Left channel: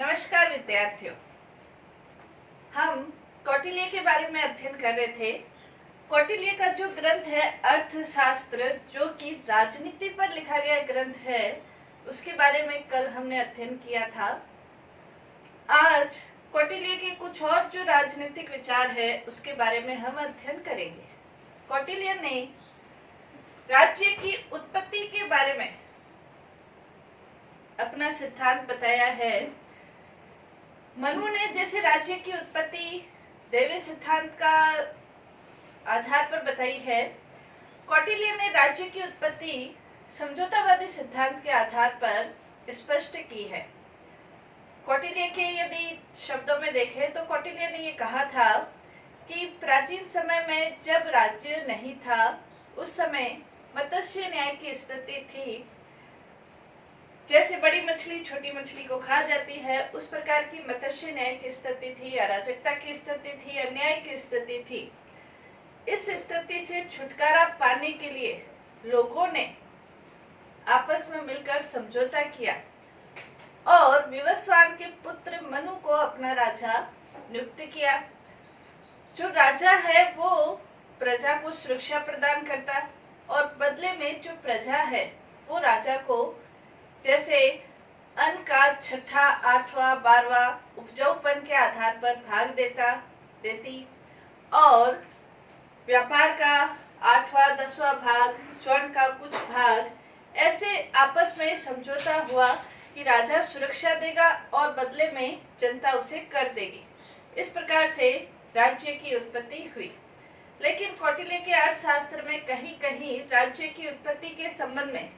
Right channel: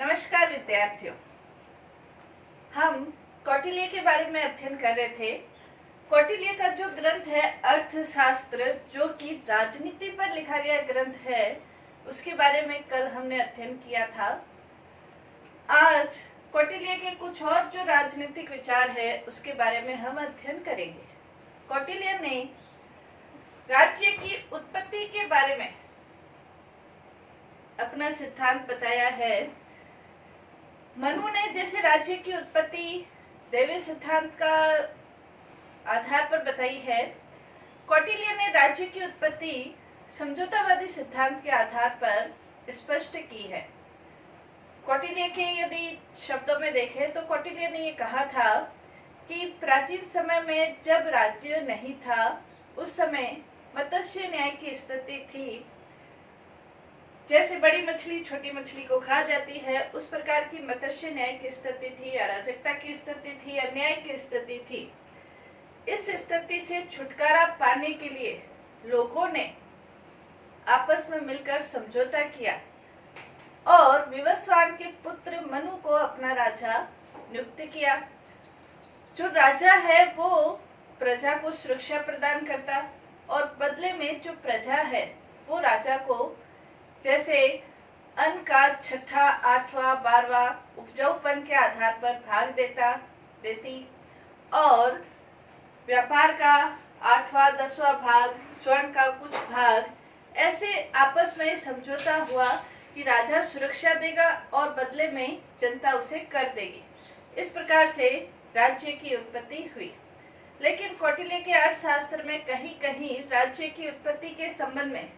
नमस्कार विद्यार्थियों, हम कौटिल्य के बारे में अध्ययन कर रहे थे। कौटिल्य का जो ग्रंथ है अर्थशास्त्र, जो कि राजनीति पर लिखा गया ग्रंथ है, उसके बारे में कल हमने अध्ययन किया था। आज कौटिल्य के कुछ और जो राजनीतिक विचार है उसके बारे में हम अध्ययन करेंगे। कौटिल्य ने राज्य की उत्पत्ति के बारे में अपना सिद्धांत बताया है। मनु ने जैसे राज्य की उत्पत्ति दैवीय सिद्धांत का आधार पर बताई है, कौटिल्य ने राज्य की उत्पत्ति समझौतावादी सिद्धांत के आधार पर स्पष्ट की है। कौटिल्य के यदि शब्दों में देखें तो कौटिल्य ने ये कहा था कि प्राचीन समय में जब राज्य नहीं था, उस समय मत्स्य न्याय की स्थिति थी। जैसे बड़ी मछली छोटी मछली को खा जाती है, उस प्रकार की मत्स्य न्याय की स्थिति थी, अराजकता की स्थिति थी, अन्याय की स्थिति थी। इस स्थिति से छुटकारा पाने के लिए लोगों ने आपस में मिलकर समझौता किया और विवस्वान के पुत्र मनु को अपना राजा नियुक्त किया। जो राजा है वो प्रजा को सुरक्षा प्रदान करता और बदले में जो प्रजा है वो राजा को जैसे अन्न का 6ठा, 8वां, 12वां उपजाऊपन के आधार पर भाग देती और व्यापार का 8वां, 10वां भाग, स्वर्ण का कुछ भाग, ऐसे आपस में समझौता हुआ कि राजा सुरक्षा देगा और बदले में जनता उसे कर देगी। इस प्रकार से राज्य की उत्पत्ति हुई। लेकिन कौटिल्य के अर्थशास्त्र में कहीं कहीं राज्य की उत्पत्ति के संबंध में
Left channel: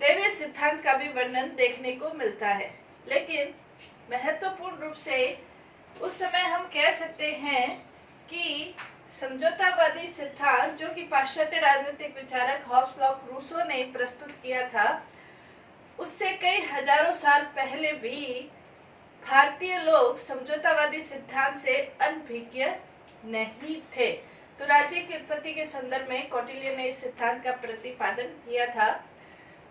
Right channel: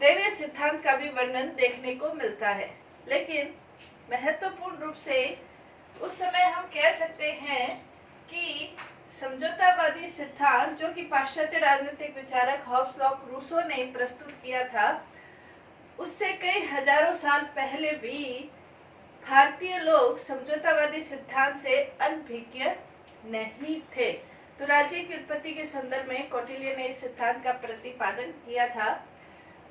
दैवीय सिद्धांत का भी वर्णन देखने को मिलता है। लेकिन महत्वपूर्ण रूप से उस समय हम कह सकते हैं कि समझौतावादी सिद्धांत, जो कि पाश्चात्य राजनीतिक विचारक हॉब्स लॉक रूसो ने प्रस्तुत किया था, उससे कई हजारों साल पहले भी भारतीय लोग समझौतावादी सिद्धांत से अनभिज्ञ नहीं थे। तो राज्य की उत्पत्ति के संदर्भ में कौटिल्य ने इस सिद्धांत का प्रतिपादन किया था।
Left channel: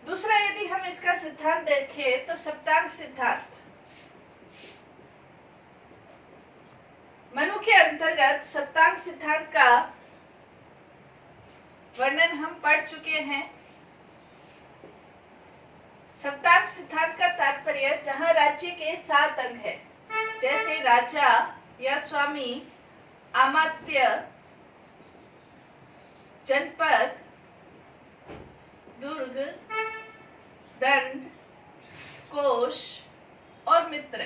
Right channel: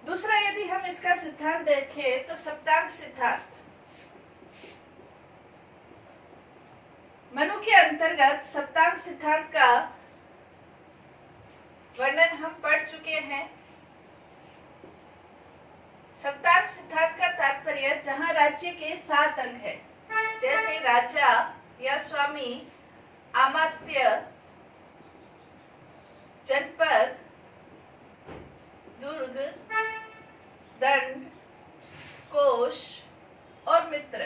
दूसरा, यदि हम इसका सिद्धांत देखें तो सप्तांग सिद्धांत मनु के अंतर्गत सप्तांग सिद्धांत का वर्णन हम पढ़ चुके हैं। सप्तांग सिद्धांत का तात्पर्य जहां राज्य के 7 अंग है, जैसे राजा या स्वामी, अमात्य, जनपद, दुर्ग, दंड, कोष और मित्र,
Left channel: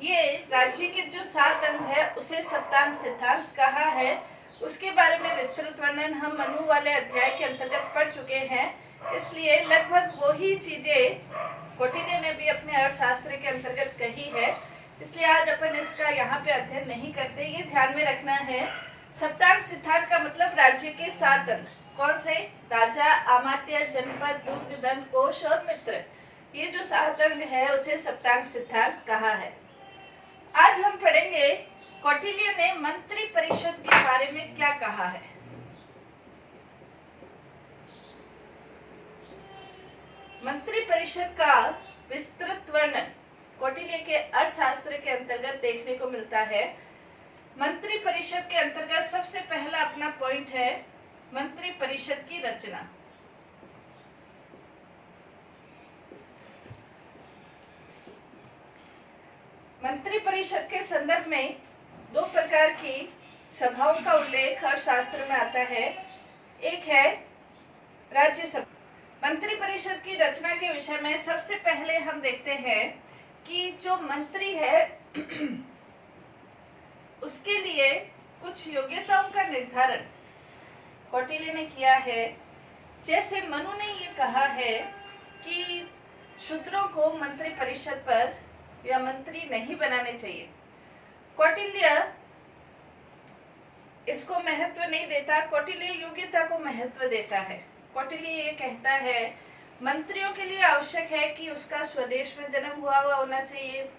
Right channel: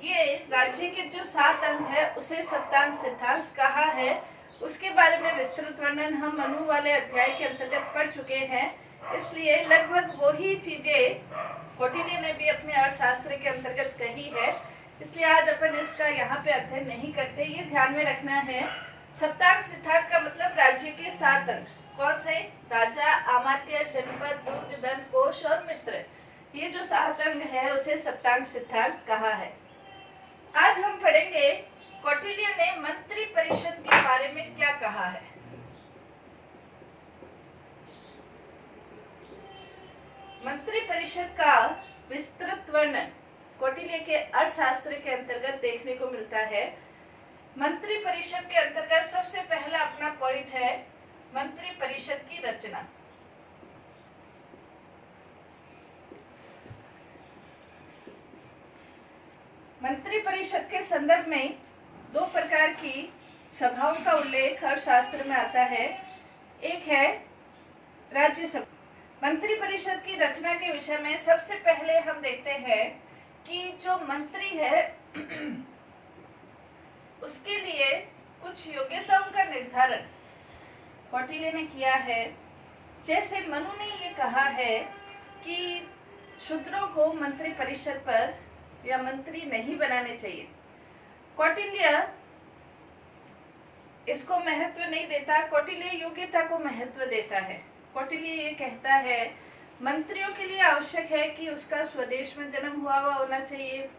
ये राज्य के जो 7 अंग है उसे सप्तांग सिद्धांत कहा है। उसके बारे में विस्तृत वर्णन हम मनु वाले अध्याय के अंतर्गत पढ़ चुके हैं। इसलिए लगभग वही चीजें कौटिल्य ने भी अपने अर्थशास्त्र के अंतर्गत कही है। इसलिए आज अपन इसका यहाँ पे अध्ययन नहीं करते। ये ध्यान में रखना है, सप्तांग सिद्धांत का मतलब राज्य के 7 अंग। कौन से? राजा, अमात्य, जनपद, दुर्ग, दंड, कोष और मित्र, ये जो 7 अंग है उसे सप्तांग सिद्धांत कहा है। आज हम पढ़ेंगे कौटिल्य ने मंत्री परिषद के बारे में क्या कहा है। मंत्री परिषद का विस्तृत वर्णन कौटिल्य के अर्थशास्त्र के अंतर्गत देखने को मिलता है। मंत्री परिषद के अंतर्गत सबसे पहला अपना पॉइंट है मंत्री परिषद की रचना। मंत्री परिषद के संदर्भ में 2 प्रकार की सभाओं का उल्लेख अर्थशास्त्र में आता है। एक है राज्यसभा। मंत्री परिषद की रचना के विषय में सबसे पहले हम देखते हैं कि जो मंत्री है उसके लिए कुछ योग्यताओं का निर्धारण कौटिल्य ने किया है। जैसे मनु ने ये कहा है कि शूद्रों को मंत्री परिषद पर या मंत्री नहीं बनाने चाहिए। कौटिल्य इसको महत्व नहीं देता, कौटिल्य योग्यता को महत्व देता है। कौटिल्य ये कहता है मंत्रियों के लिए आवश्यक है कि उसका स्वदेश में जन्म हुआ होना चाहिए,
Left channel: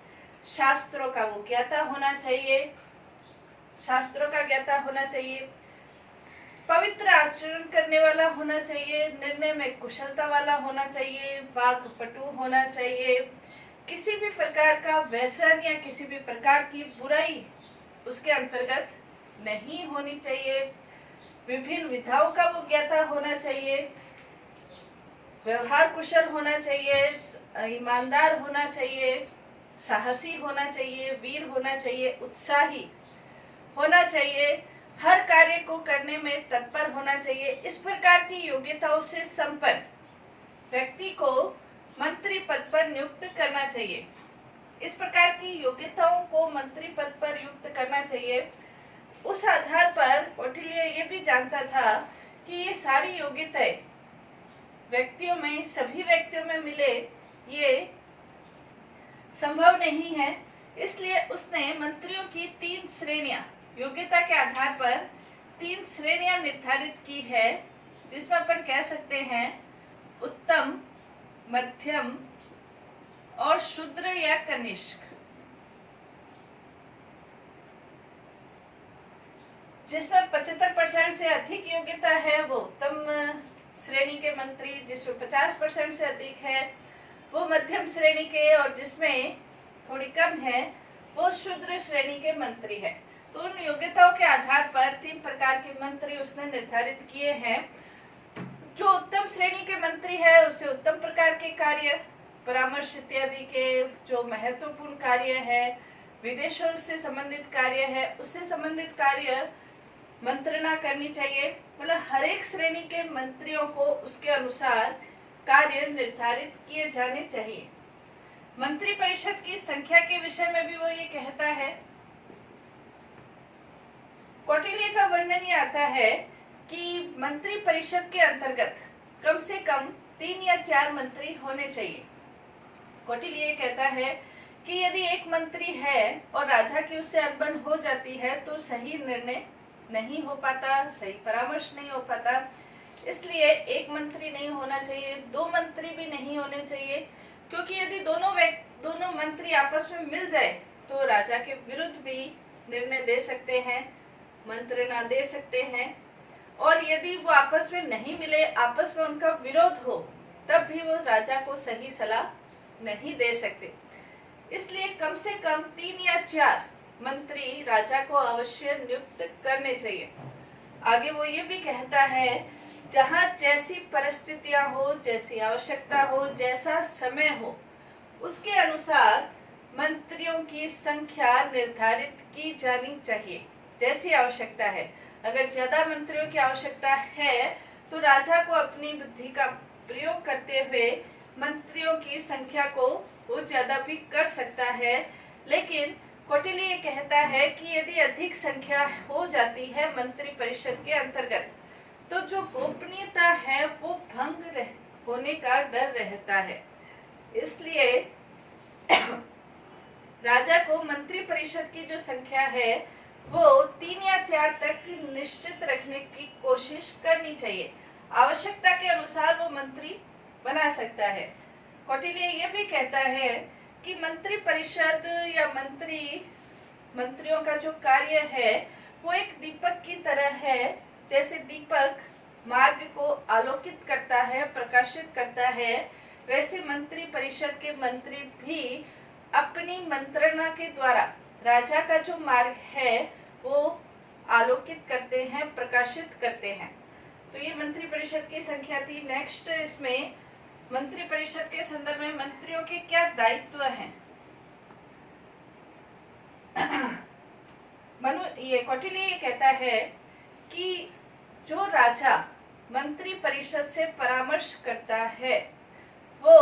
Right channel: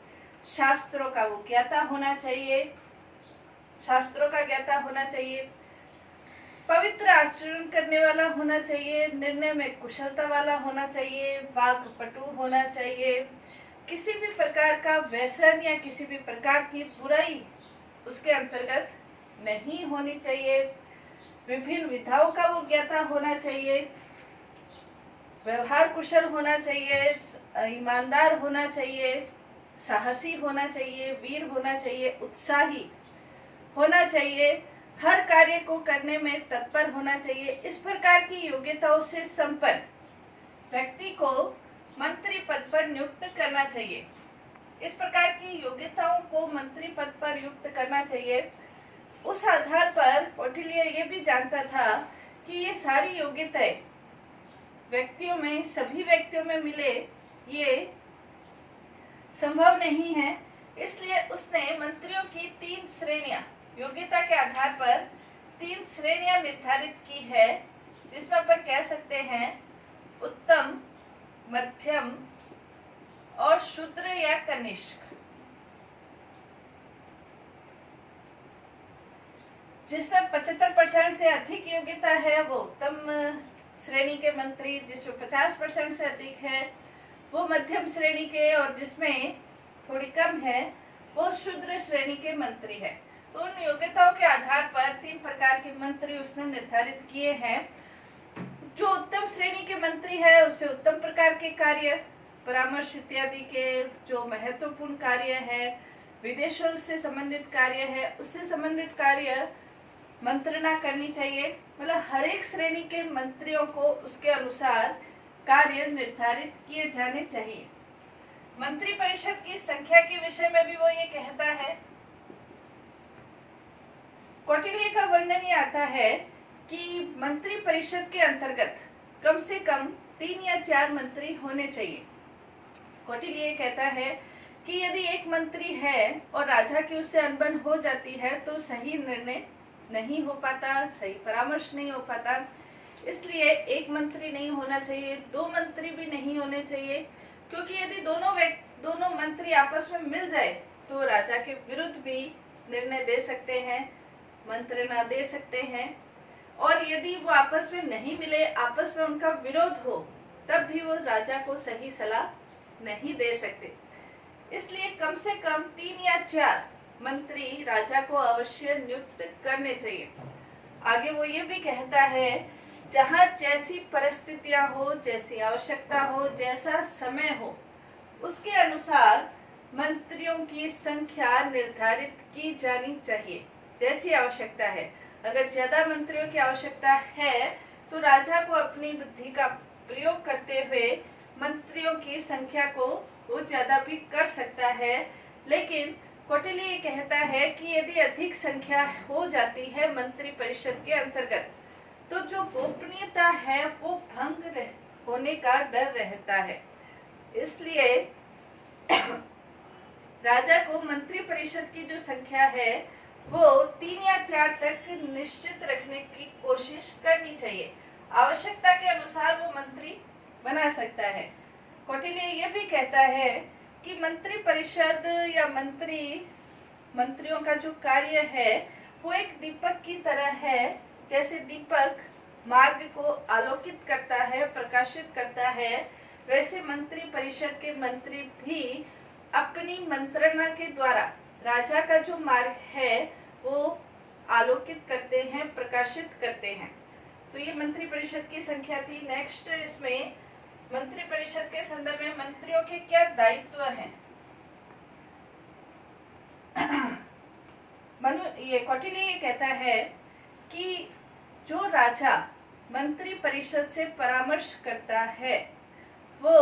शास्त्रों का वो ज्ञाता होना चाहिए, शास्त्रों का ज्ञाता होना चाहिए, पवित्र आचरण करने वाला होना चाहिए, निर्णय में कुशलता वाला होना चाहिए, वाक्पटु होना चाहिए, किसी भी प्रकार का व्यसन या किसी भी प्रकार की बुराई उसके अंतर्गत नहीं होनी चाहिए। विभिन्न विधाओं का वो ज्ञाता होना चाहिए, व्यवहार कुशल होना चाहिए, ईमानदार होना चाहिए, साहसी होना चाहिए, वीर होना चाहिए, उत्साही होना चाहिए, हर कार्य को करने में तत्पर होना चाहिए। इस प्रकार की योग्यताओं से संपन्न व्यक्ति को मंत्री पद पर नियुक्त करना चाहिए। इस प्रकार की योग्यताओं को मंत्री पद पर नियुक्त करना चाहिए। उस आधार पर कौटिल्य ये भी जानता था कि ये सारी योग्यताएं सभी व्यक्तियों में मिले ये संभव नहीं है। इसलिए उसने मंत्रियों की 3 श्रेणियां, योग्यता के आधार पर 3 श्रेणियां निर्धारित की है, जिसमें अपन कह सकते हैं उत्तम, मध्यम और शूद्र या कनिष्क। जिसमें 75% से अधिक योग्यता है वो उत्तम श्रेणी के मंत्री, जिसमें 50% से अधिक है वो मध्यम श्रेणी के, और जिसमें थोड़ी कम है वो शूद्र श्रेणी के मंत्री है। तो उन योग्यताओं के आधार पर 3 प्रकार के मंत्री उसने निर्धारित किए हैं। जो उत्तम श्रेणी के मंत्री है उसे उत्तम प्रकार के कार्य, परामर्श इत्यादि के जो महत्वपूर्ण कार्य है, विदेशों से संबंधित कार्य है, उससे संबंधित कार्य मंत्रणा करनी चाहिए। मतलब हर एक श्रेणी के मंत्रियों को उसके अनुसार कार्य निर्धारित किए जाने चाहिए। मंत्री परिषद की संख्या के विषय में भी वो ये कहता है, कौटिल्य का वर्णन ये आता है कि मंत्री परिषद के अंतर्गत कम से कम 3 या 4 मंत्री होने चाहिए। कौटिल्य ये कहता है कि यदि एक मंत्री है और राजा की उससे अनबन हो जाती है तो सही निर्णय नहीं हो पाता, सही परामर्श नहीं हो पाता। इसलिए एक मंत्री नहीं होना चाहिए, 2 मंत्री भी नहीं होने चाहिए, क्योंकि यदि दोनों मंत्री आपस में मिल जाए तो राजा के विरुद्ध भी निर्णय दे सकते हैं, मंत्रणा दे सकते हैं। और यदि वो आपस में नहीं मिले, आपस में उनका विरोध हो, तब भी वो राजा को सही सलाह नहीं दे सकते। इसलिए कम से कम 3 या 4 मंत्री राजा को अवश्य नियुक्त करने चाहिए। आगे वो ये भी कहता है, जहाँ जैसी परिस्थितियां हो, जैसी आवश्यकता हो, जैसा समय हो, उसके अनुसार मंत्रियों की संख्या निर्धारित की जानी चाहिए। जैसी आवश्यकता है, अगर ज्यादा मंत्रियों की आवश्यकता है तो राजा को अपनी बुद्धि का प्रयोग करते हुए मंत्रियों की संख्या को वो ज्यादा भी कर सकता है। लेकिन कौटिल्य ये कहता है कि यदि अधिक संख्या हो जाती है मंत्री परिषद के अंतर्गत तो जो गोपनीयता है वो भंग होने का डर रहता है। इसलिए राजा को मंत्री परिषद की जो संख्या है वो 3 या 4 तक निश्चित रखने की कोशिश करनी चाहिए। आवश्यकता के अनुसार वो मंत्री बना सकता है। कौटिल्य ये भी कहता है कि मंत्री परिषद या मंत्रियों का जो कार्य है वो एक दीपक की तरह है। जैसे दीपक मार्ग को आलोकित करता है, प्रकाशित करता है, वैसे मंत्री परिषद के मंत्री भी अपनी मंत्रणा के द्वारा राजा का जो मार्ग है वो आलोकित करते हैं, प्रकाशित करते हैं। तो ये मंत्री परिषद की संख्या थी। नेक्स्ट इसमें मंत्री परिषद के संदर्भ में मंत्रियों के क्या दायित्व हैं। ये कौटिल्य ये कहता है कि जो राजा मंत्री परिषद से परामर्श करता है वो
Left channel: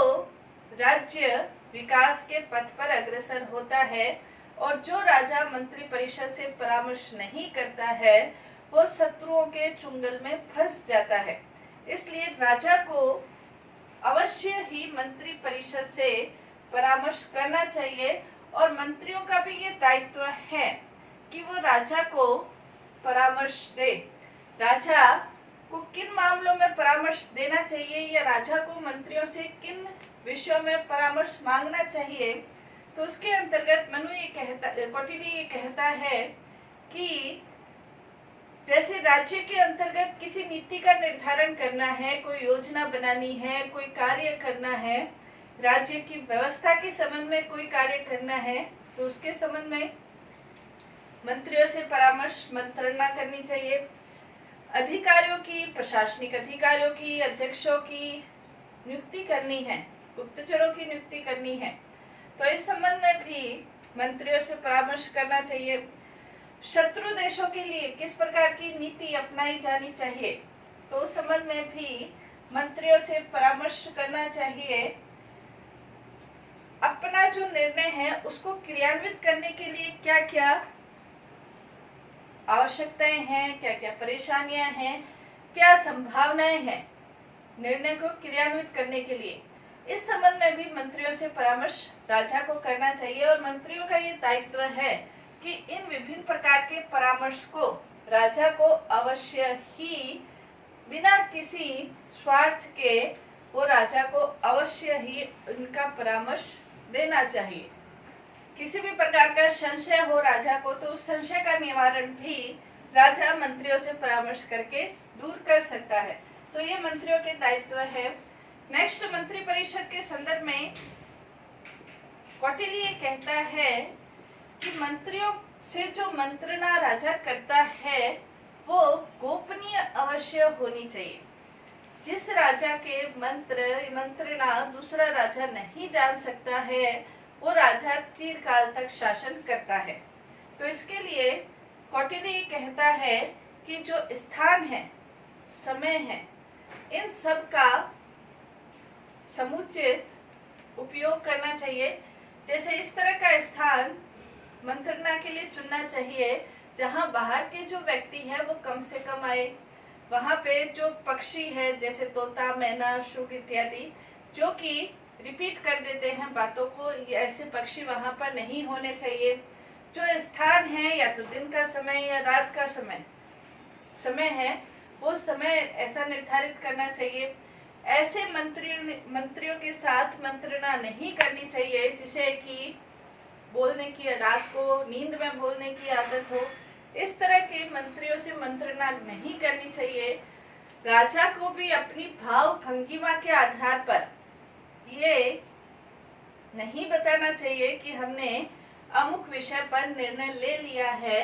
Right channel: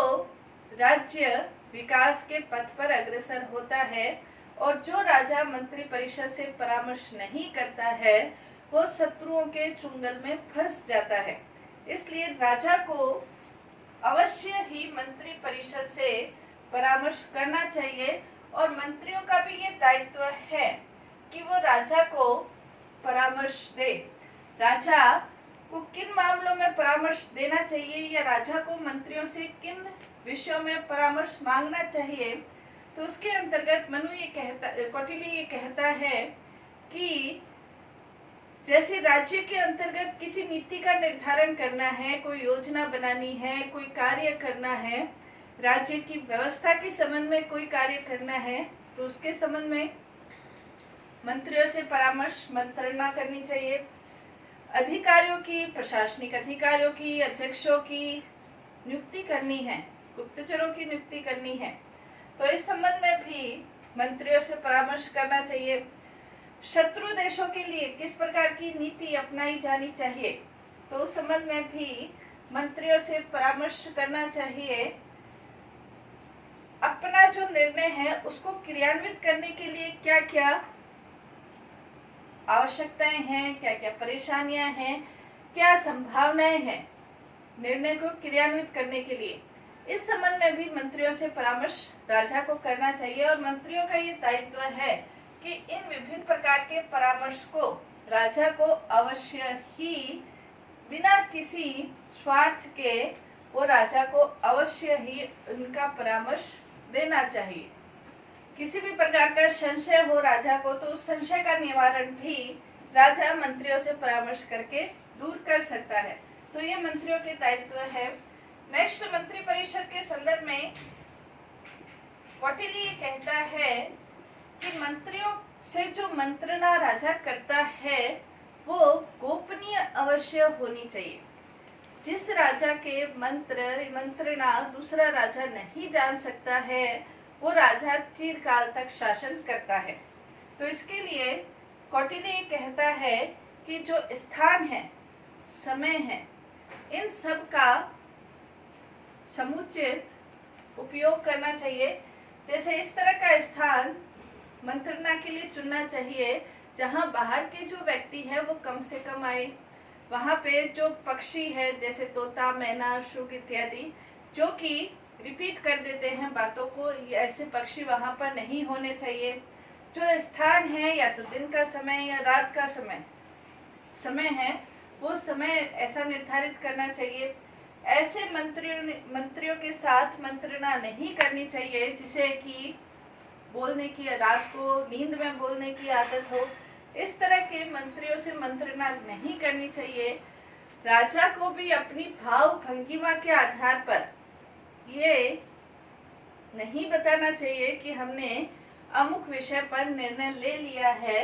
राज्य विकास के पथ पर अग्रसर होता है, और जो राजा मंत्री परिषद से परामर्श नहीं करता है वो शत्रुओं के चुंगल में फंस जाता है। इसलिए राजा को अवश्य ही मंत्री परिषद से परामर्श करना चाहिए, और मंत्रियों का भी ये दायित्व है कि वो राजा को परामर्श दे। राजा को किन मामलों में परामर्श देना चाहिए या राजा को मंत्रियों से किन विषयों में परामर्श मांगना चाहिए, तो उसके अंतर्गत कौटिल्य ये कहता है कि जैसे राज्य के अंतर्गत किसी नीति का निर्धारण करना है, कोई योजना बनानी है, कोई कार्य करना है, राज्य की व्यवस्था के संबंध में कोई कार्य करना है तो उसके संबंध में मंत्रियों से परामर्श मंत्रणा करनी चाहिए। अधिकारियों की, प्रशासनिक अधिकारियों की, अध्यक्षों की नियुक्ति करनी है, गुप्तचरों की नियुक्ति करनी है, तो इस संबंध में भी मंत्रियों से परामर्श करना चाहिए। शत्रु देशों के लिए किस प्रकार की नीति अपनाई जानी चाहिए, तो उस संबंध में भी मंत्रियों से परामर्श करना चाहिए। अपना जो निर्णय है उसको क्रियान्वित करने के लिए क्या क्या आवश्यकताएं हैं, क्या क्या परेशानियां हैं, क्या संभावनाएं हैं निर्णय को क्रियान्वित करने के लिए, इस संबंध में भी मंत्रियों से परामर्श राजा को करना चाहिए। और मंत्रियों का ये दायित्व है कि इन विभिन्न प्रकार के परामर्श को राजा को अवश्य ही बिना किसी स्वार्थ के वो राजा को अवश्य ही उनका परामर्श देना चाहिए। किसी भी प्रकार का संशय हो राजा को तो उस संशय का निवारण भी राजा मंत्रियों से परामर्श करके दूर कर सकता है। तो ये मंत्रियों के दायित्व है। नेक्स्ट, मंत्री परिषद के संदर्भ में कौटिल्य कहता है कि मंत्रियों से जो मंत्रणा राजा करता है वो गोपनीय अवश्य होनी चाहिए। जिस राजा के मंत्रणा दूसरा राजा नहीं जान सकता है वो राजा चिरकाल तक शासन करता है। तो इसके लिए कौटिल्य कहता है कि जो स्थान है, समय है, इन सब का समुचित उपयोग करना चाहिए। जैसे इस तरह का स्थान मंत्रणा के लिए चुनना चाहिए जहां बाहर के जो व्यक्ति है वो कम से कम आए। वहां पे जो पक्षी है जैसे तोता, मैना, शुक इत्यादि जो कि रिपीट कर देते हैं बातों को, ऐसे पक्षी वहां पर नहीं होने चाहिए। जो स्थान है या तो दिन का समय या रात का समय है वो समय ऐसा निर्धारित करना चाहिए। ऐसे मंत्रियों के साथ मंत्रणा नहीं करनी चाहिए जिसे कि बोलने की, रात को नींद में बोलने की आदत हो। इस तरह के मंत्रियों से मंत्रणा नहीं करनी चाहिए। राजा को भी अपनी भाव भंगिमा के आधार पर ये नहीं बताना चाहिए कि हमने अमुक विषय पर निर्णय ले लिया है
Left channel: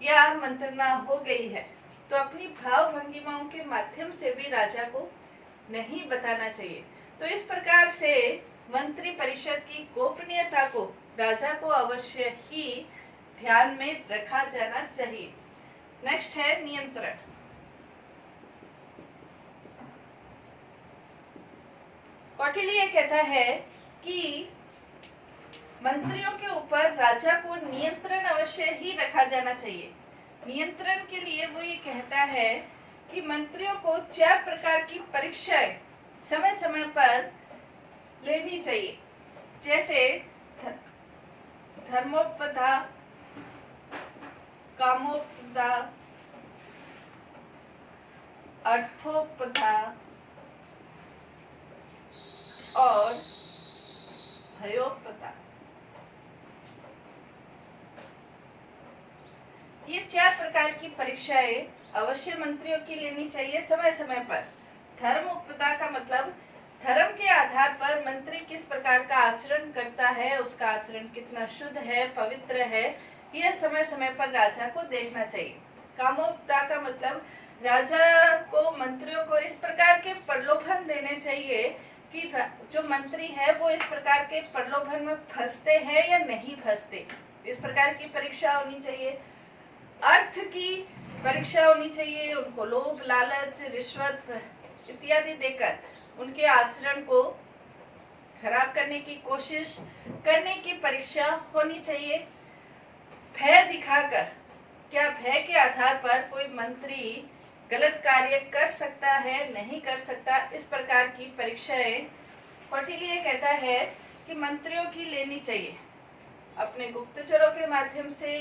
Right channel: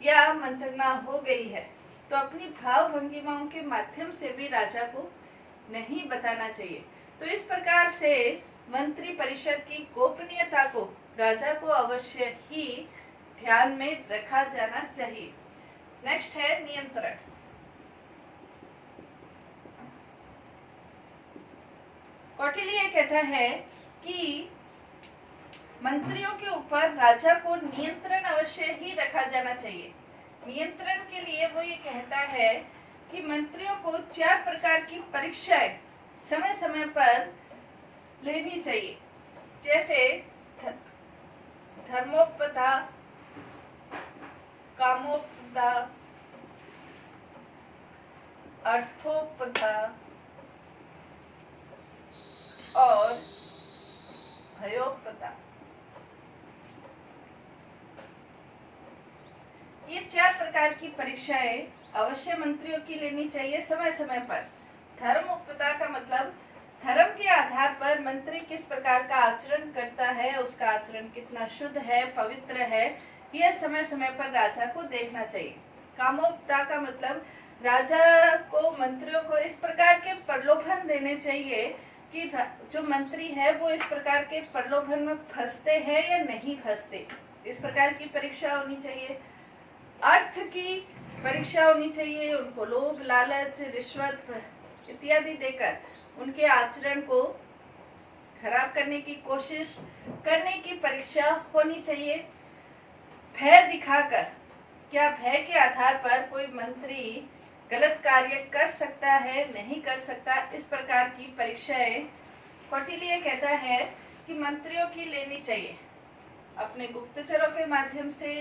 या मंत्रणा हो गई है, तो अपनी भाव भंगिमाओं के माध्यम से भी राजा को नहीं बताना चाहिए। तो इस प्रकार से मंत्री परिषद की गोपनीयता को राजा को अवश्य ही ध्यान में रखा जाना चाहिए। नेक्स्ट है नियंत्रण। कौटिल्य कहता है कि मंत्रियों के ऊपर राजा को नियंत्रण अवश्य ही रखा जाना चाहिए। नियंत्रण के लिए वो ये कहता है कि मंत्रियों को 4 प्रकार की परीक्षाएं समय समय पर लेनी चाहिए। जैसे धर्मोपदा, कामोपदा, अर्थोपदा और भयोपदा। ये 4 प्रकार की परीक्षाएं अवश्य मंत्रियों की लेनी चाहिए समय समय पर। धर्मोपदा का मतलब धर्म के आधार पर मंत्री किस प्रकार का आचरण करता है, उसका आचरण कितना शुद्ध है, पवित्र है, यह समय समय पर राजा को देखना चाहिए। कामोपदा का मतलब राजा को मंत्रियों को इस प्रकार के प्रलोभन देने चाहिए कि जो मंत्री है वो इस प्रकार के प्रलोभन में फंसते हैं या नहीं फंसते, इस प्रकार की परीक्षा होनी चाहिए। अर्थ की परीक्षा होनी चाहिए, उनको लोभ, लालच, रिश्वत इत्यादि देकर उनके आचरण को खराब करने की कोशिश करने की परीक्षा होनी चाहिए। भय दिखाकर, क्या भय के आधार पर कोई मंत्री गलत कार्य कर सकता है, नहीं कर सकता, इस प्रकार की परीक्षाएं कौटिल्य कहता है कि मंत्रियों की लेनी चाहिए। अपने गुप्तचरों के माध्यम से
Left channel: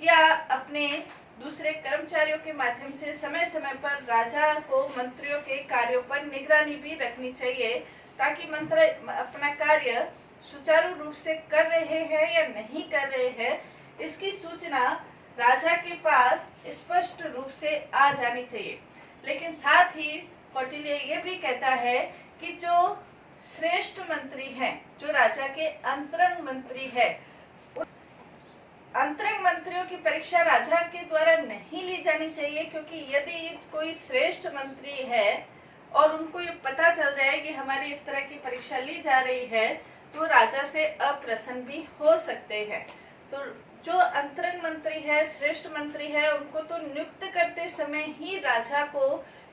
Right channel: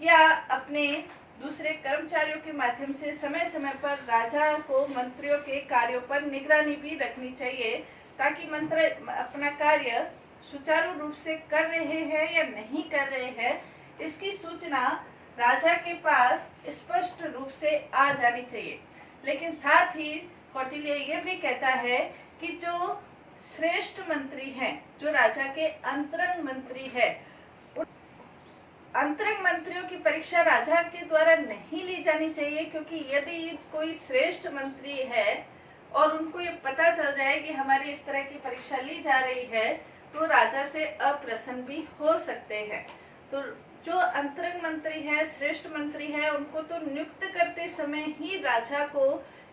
या अपने दूसरे कर्मचारियों के माध्यम से समय समय पर राजा को मंत्रियों के कार्यों पर निगरानी भी रखनी चाहिए ताकि मंत्री अपना कार्य सुचारू रूप से कर रहे हैं या नहीं कर रहे हैं, इसकी सूचना राजा के पास स्पष्ट रूप से आ जानी चाहिए। लेकिन साथ ही कौटिल्य ये भी कहता है कि जो श्रेष्ठ मंत्री हैं, जो राजा के अंतरंग मंत्री है, अंतरंग मंत्रियों की परीक्षा राजा के द्वारा नहीं ली जानी चाहिए, क्योंकि यदि कोई श्रेष्ठ मंत्री है और उनको ये पता चल जाए कि हमारी इस तरह की परीक्षा ली जा रही है, तो राजा से अप्रसन्न भी हो सकते हैं। तो जो अंतरंग मंत्री है, श्रेष्ठ मंत्री है, उनको तो नियुक्त करते समय ही राजा को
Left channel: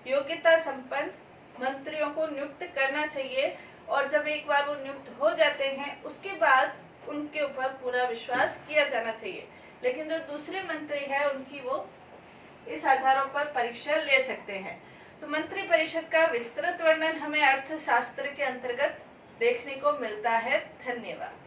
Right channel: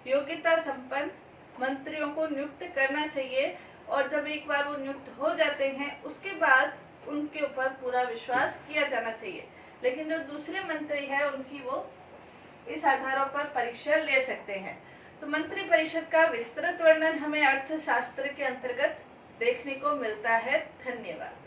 योग्यता संपन्न मंत्रियों को नियुक्त करना चाहिए, और जब एक बार वो नियुक्त हो जाते हैं उसके बाद उनके ऊपर पूरा विश्वास किया जाना चाहिए। लेकिन जो दूसरे मंत्री है उनकी वो इस आधारों पर परीक्षा ले सकते हैं। तो मंत्री परिषद का विस्तृत वर्णन हमें अर्थशास्त्र के अंतर्गत देखने को मिलता है। धन्यवाद।